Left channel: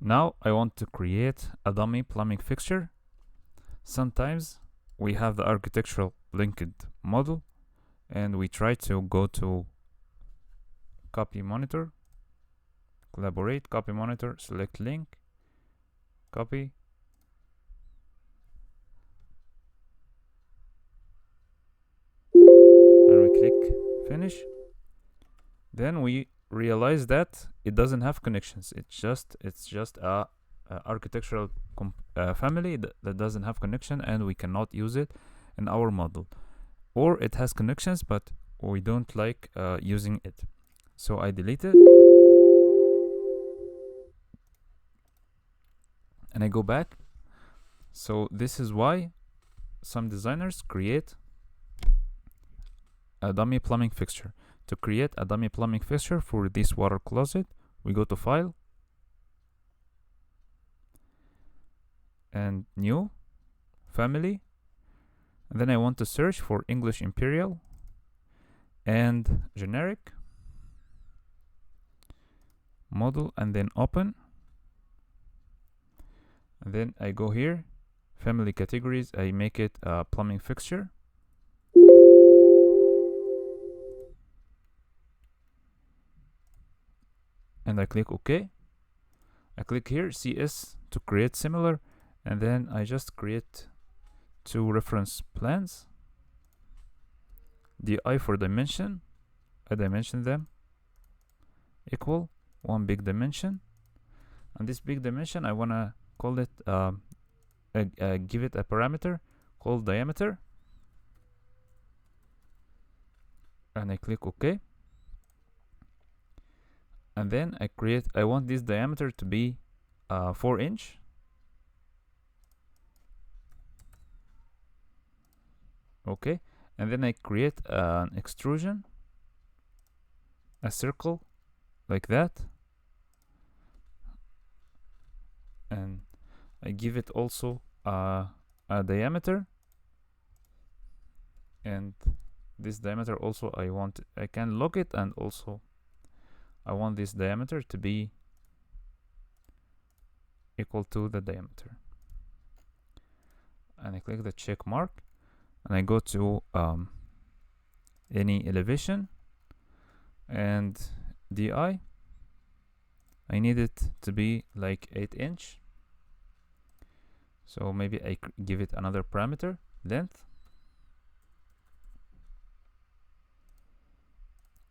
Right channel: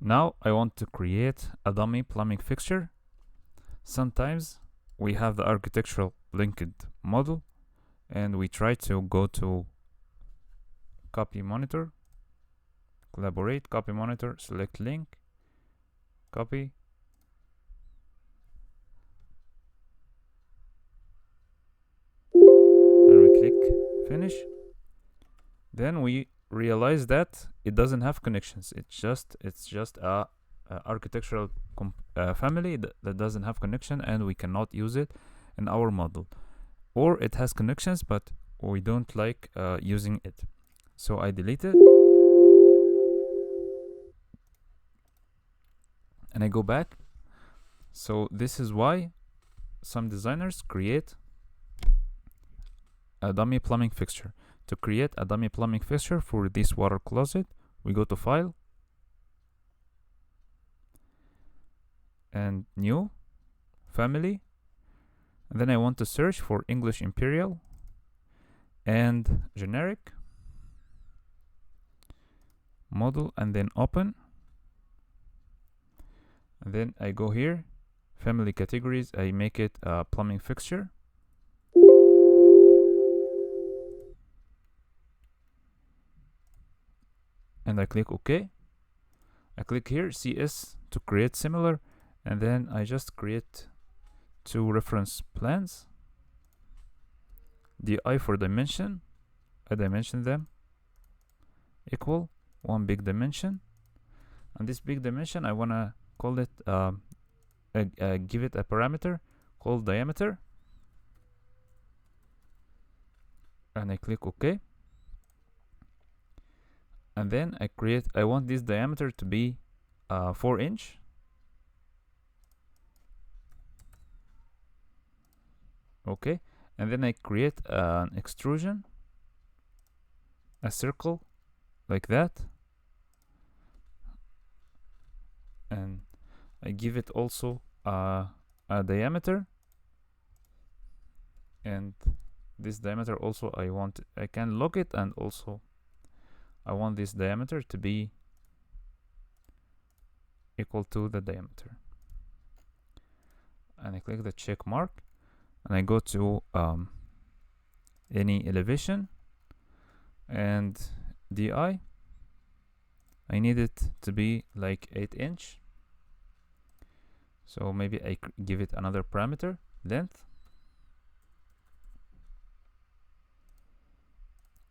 Now I want to create a dummy plumbing fixture. Sometimes we have the architectural linked model and we try to go to copy monitor, collaborate, copy monitor, select link, copy, and we click finish. Then we realize that it doesn't have connections. It's just a architectural family that doesn't have connection, and we cannot use it in our model. Or it has connections, but we don't like using it. So I delete it, and I go back. So this is why some designers create a dummy plumbing fixture. To create a dummy plumbing fixture for this water closet, we go to File and New, Family, and then I want to search for English Imperial and Generic Model, and then Open, and then I go here, Family Categories, I make it a plumbing fixture. And I click OK. I click here CS to create similar, and then I just create two reference plans. DI for dimension, I dimension them equal one big dimension, and this big dimension I wanna call it give it a parameter called diameter, and I click OK. And then I want this diameter to be 4 inch. Okay, and then I create an extrusion, a circle like that, and I give it also a diameter, and this diameter also I can lock it, and also I want this diameter to be equal to the diameter. And I click the check mark, and I go to any elevation and DI. I need it to be like 8 inch. So maybe I give it another parameter, length.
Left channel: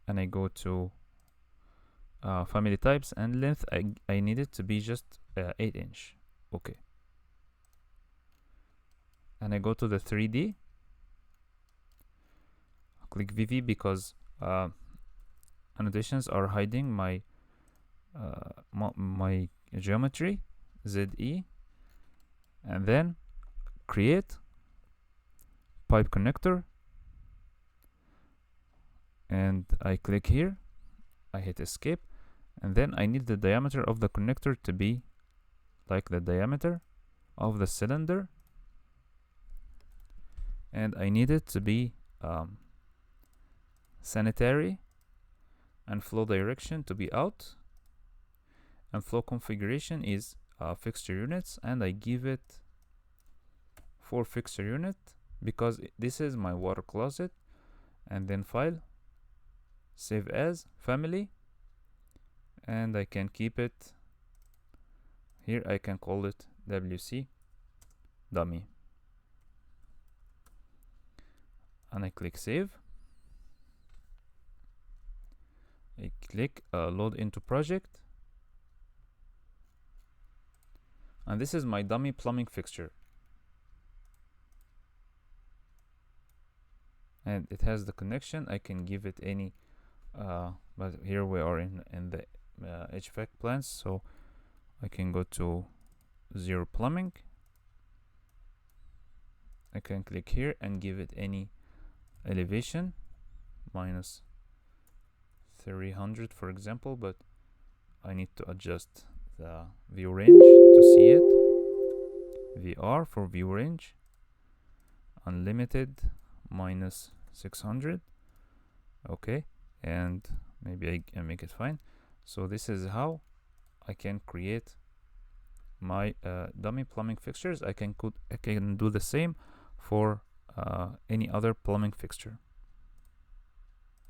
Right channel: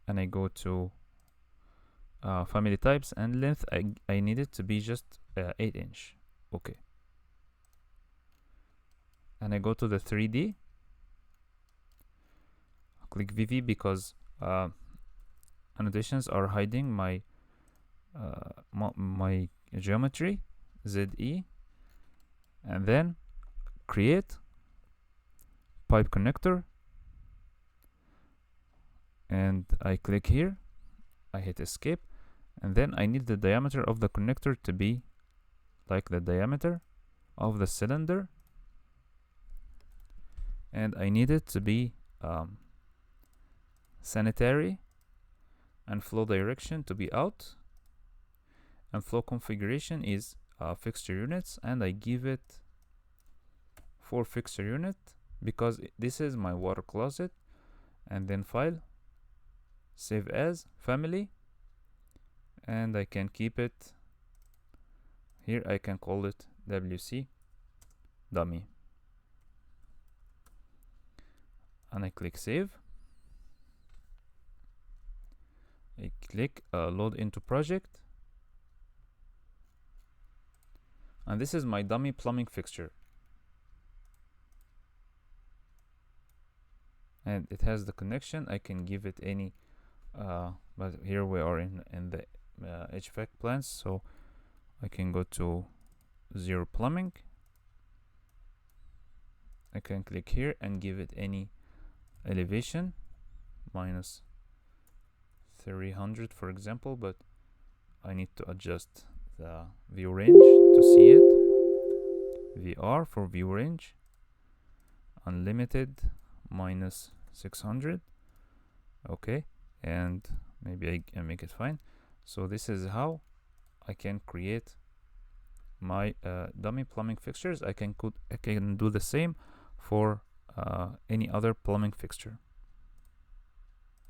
And I go to family types and length. I need it to be just 8 inch. Okay. And I go to the 3D. Click VV because annotations are hiding my my geometry, ZE, and then create pipe connector, and I click here, I hit escape, and then I need the diameter of the connector to be like the diameter of the cylinder, and I need it to be sanitary, and flow direction to be out, and flow configuration is fixture units, and I give it 4 fixture unit because this is my water closet. And then file, save as, family, and I can keep it here. I can call it WC dummy, and I click save. I click load into project, and this is my dummy plumbing fixture, and it has the connection. I can give it any but here we are in the HVAC plans, so I can go to 0 plumbing. I can click here and give it any elevation, minus 300 for example, but I need to adjust the view range to see it. VR for view range, unlimited, minus 600. Okay, and maybe I can make it fine. So this is how I can create my dummy plumbing fixtures, I can do the same for any other plumbing fixture.